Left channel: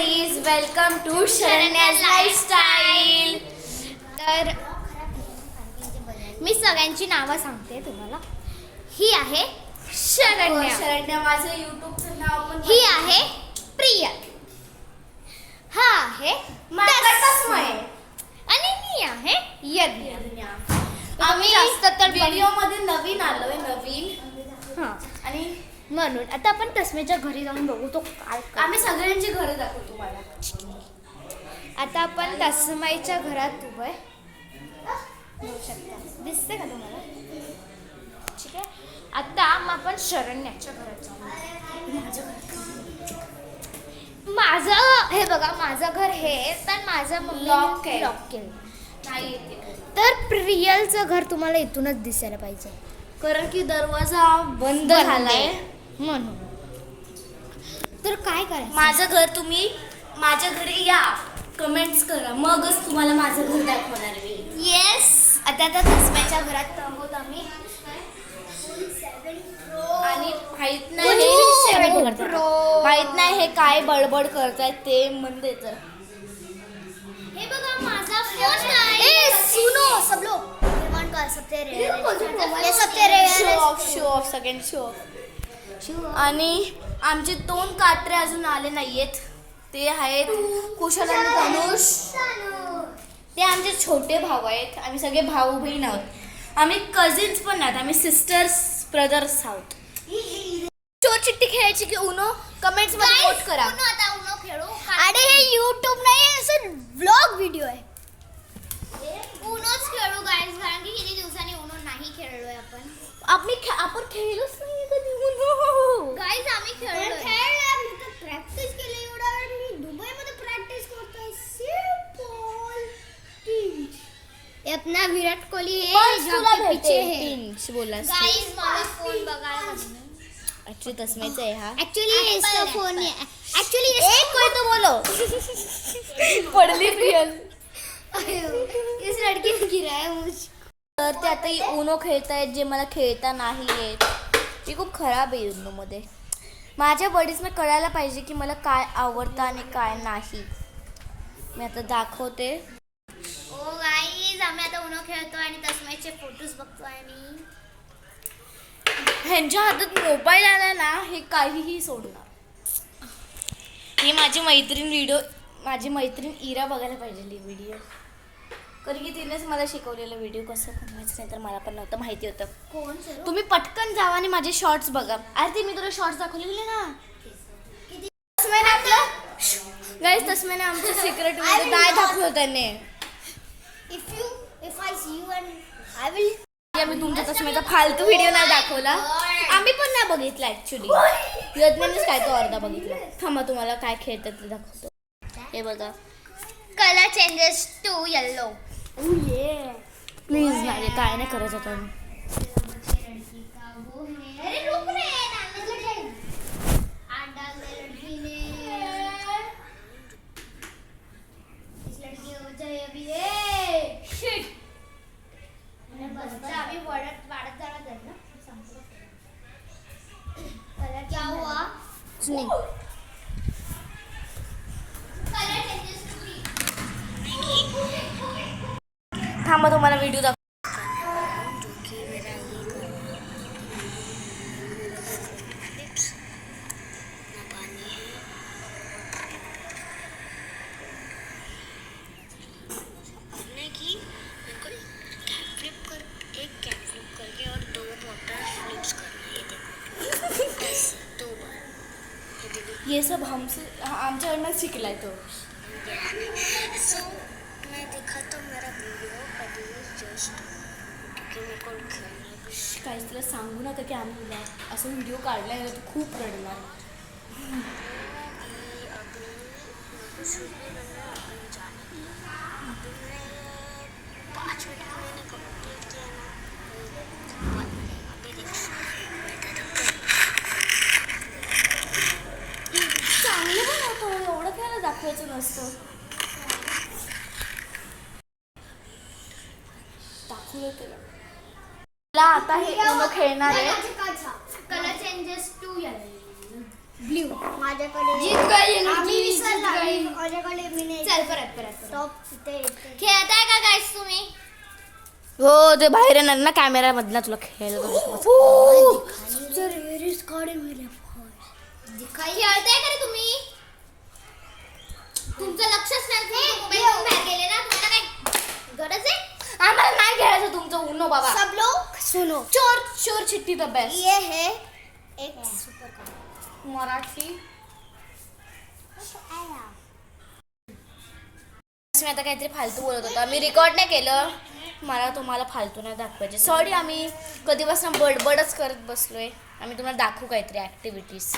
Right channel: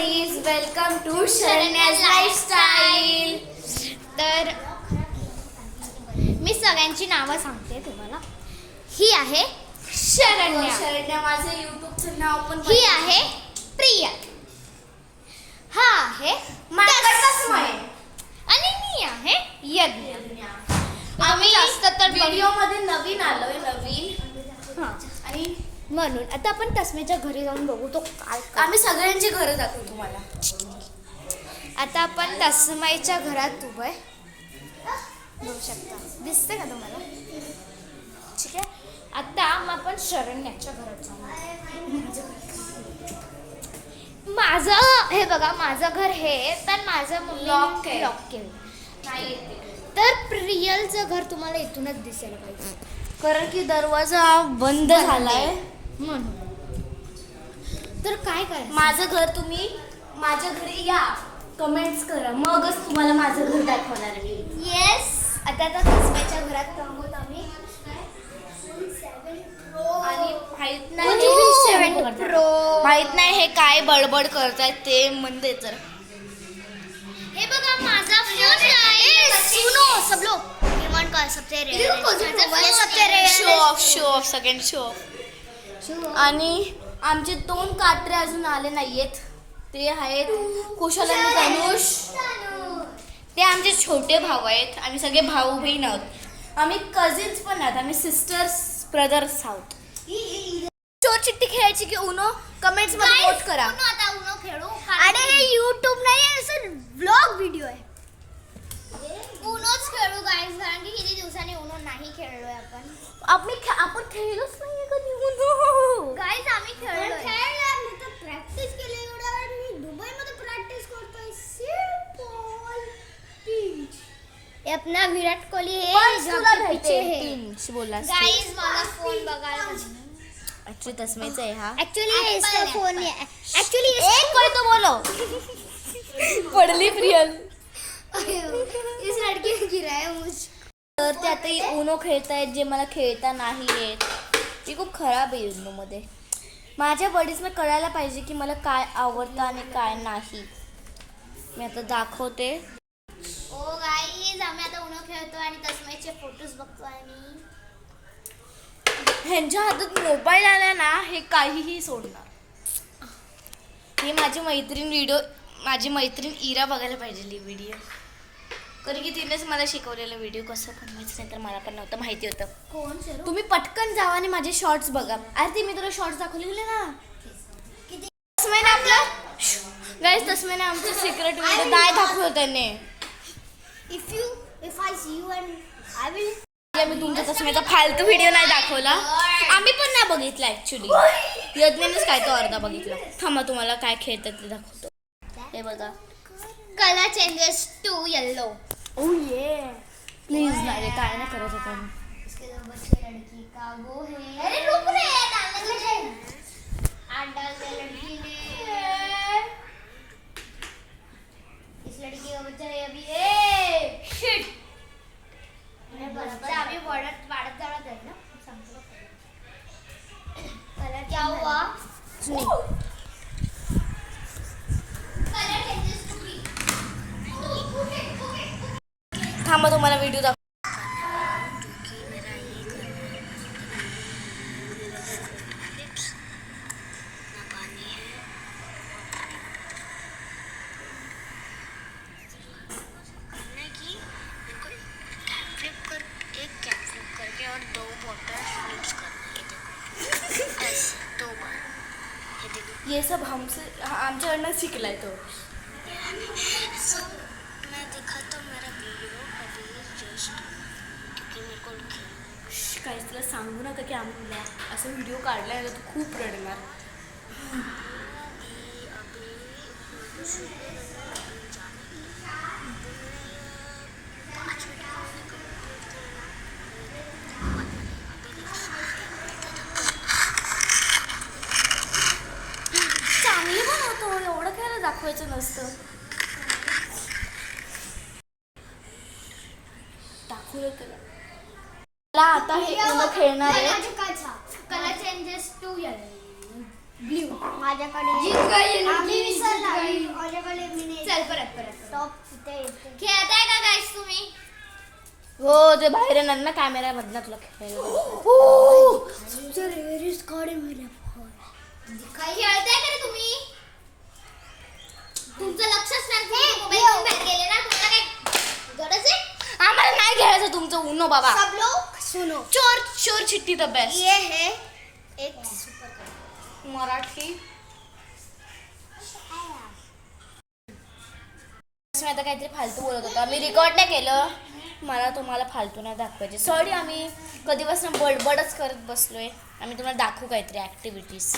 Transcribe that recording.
Buddies, welcome to Sharanya's lifestyle. तर मी सगळ्यांची नावं सांगते तुम्हाला. ही आहे शरण्या, शरण्या माझं यूट्यूबचं नाव पण. ही आहे प्रिया, हा आहे तस्मय आणि मी आहे यज्ञ. आम्ही जास्त तर व्हिडिओ मध्ये नवीन आलोय, नवीन. हां, आणि म्हणून आता आपण तस्मेच्या घरी जाऊन बघू तो काय करतो. आम्ही सगळ्यांची घरं दाखवू तुम्हाला. आता आपण तस्माईच्या घरात उभं आहे, बघू शकता. दिसते का तुम्हाला? ठीक आहे. आता मग आपण शरण्याच्या घरात जाऊ. माझं हे बघा, माझं घर हे, पण माझं मम्मी Lock आहे. लॉक केलं. नाही येते तर प्रियलचं घर तुम्हाला इथूनच दिसायला पाहिजे, कारण की दरवाजा बंद झालाय. म्हणून. तर काय करायचं? माझं घर तुम्ही माझ्या घरी या, कमेंट्स करा, मगच तुम्हाला माझं घर दाखवणार मी. येस. आता तस्माईच्या घरात आहोत आम्ही. आणि माहित नाही माहित नाही हे काय बडबड करतायत ते म्हणते. तर हे बघा माझा फोन आहे. सुनो सब लोग, रिमांड का सबसे रेयर, सबसे rare show of second show of. आणि आमचे 2 काटरे अजून आले नाहीयेत. ते आहेत कुशल आणि धनुष. ते आमचे छोटे भाऊ आहेत. आम्ही सगळे भाऊ बहीण आहोत. आम्ही कझिन्स पण नाहीत, आम्ही सिस्टर्स ब्रदर्स आहोत. चोर चिट्टी खेळायची की उनो? कमेंट्स मध्ये वोट करा. आता उनो खेळू. अरे हे YouTube नाही, असं व्लॉग व्हिडिओ आहे. उनोच खेळू गाईज, कारण की किती दिवसांनी उनो नाही खेळलोय आपण. आपण खेळलोच नाहीये कधी उनो. गाईज आम्ही खेळलोय. प्रॅक्टिस केली एवढा वेळ. मी दुबईमध्ये प्रॅक्टिस करतोय. सिंपल टीच. अपना विराट कोहली है, तुला पीछे भेटते है. तीन बोला. गाईज मला फोन बघायला ऍक्च्युली तस्मेचा आहे हा. एक्चुअली इसका फोन है. एक्चुअली एक कोई तो बोलो. पडली रियल. इस लड़की ने गिरा है मुझ. तर ते आता उनो खेळतायत जे मला खेळता नाही येत. मी खूप खराब आहे उनो मध्ये. माझ्या बडीजना कळायला पाहिजे की मला काय आवडतं आणि काय नाही. मी आता दाखवते. ओ गाईज, आम्ही आता उनो खेळतो आणि तस्माईचे फोटोज बघतो. आणि ह्यांच्या हातात मोबाईल आला ना, हे काहीही सोडणार. ही माझी मैत्रीण इरा बघायला पाहिजे व्हिडिओ, कारण की तिनेच मला शिकवलेला व्हिडिओ कसं बनवायचं. नाही तर मला पण नव्हतं माहिती होतं. कोण? तुम्ही पटकन जावा आणि माझे शॉर्ट्स बघा. अरे ते मी तुला शॉर्ट्स दाखवलेले ना. तस्मैने आपलं गाईस, तस्मैने आमचं सिक्रेट व्हिडिओ नाही दाखवलं त्याने. If I see you and I will. मी तुमच्या तस्मेचा फालतू व्हिडिओ नाही दाखवला. आम्ही पण नाही बघितला ऍक्च्युली. यज्ञानेच काय तो अर्धा बघितला. थांबा तुम्हाला काय खेळतात ते दाखवतो. हे बघा. Colour changes to yellow. Please नाही, काय नाही करत होता मी. अरे रुक रे, डालने तुझे. आठ डाल दे लड़की ने. इस लड़की का बच्चा है अभी. शिट. बच्चा अभी वाढत जाणार आहे ना. सांगतो कलर क्या हुआ? नाही. Colour changes to. थांबा तुम्हाला व्हिडिओ दाखव. ये सब हमसे आमच्याकडनं शिकलाय तो. मैं देखा तो मेरा वीडियो अभी जस्ट क्योंकि मेरे को खेलने काहीच तुला सांगू नका की आम्ही तुला असं व्हिडिओ काढलाय ना, तू खूप रडणार. चांगले पण होतो, एवढं खायला दाखवायचं नसतं. दाखवलं त्याला. आता हे उनो खेळणार आहे. Colour changes to yellow. Blue. माझ्याकडे आम्ही विसरला. चल परत परत टॉप इथे येते. खेळताय का गाईस तुम्ही? हो ते बाहेर येणार ना कॅमेरा मधला तुला खेळायला. खेळताय का रे तुम्ही? तुमचं लक्षच नाही, तुम्ही मोबाईल घेऊन बाहेर गेले ना, तुम्हाला काय गरज आहे? आम्हाला नाही खेळायचं तुमचं उनो बाबा. सब लोग सुनो, चोर चोर चिट्टी द बेस्ट. ये है एक सुपर कार. मराठी मी आता काहीतरी फालतू बोलत होता. मी रेकॉर्ड नाही केलं. मला तुम्हाला फालतू नाही दाखवायचे. सॉरी, आम्ही कधीपासून बडबडच करत बसलोय. आम्ही तुम्हाला दाखवू काहीतरी ॲक्टिव्हिटीज.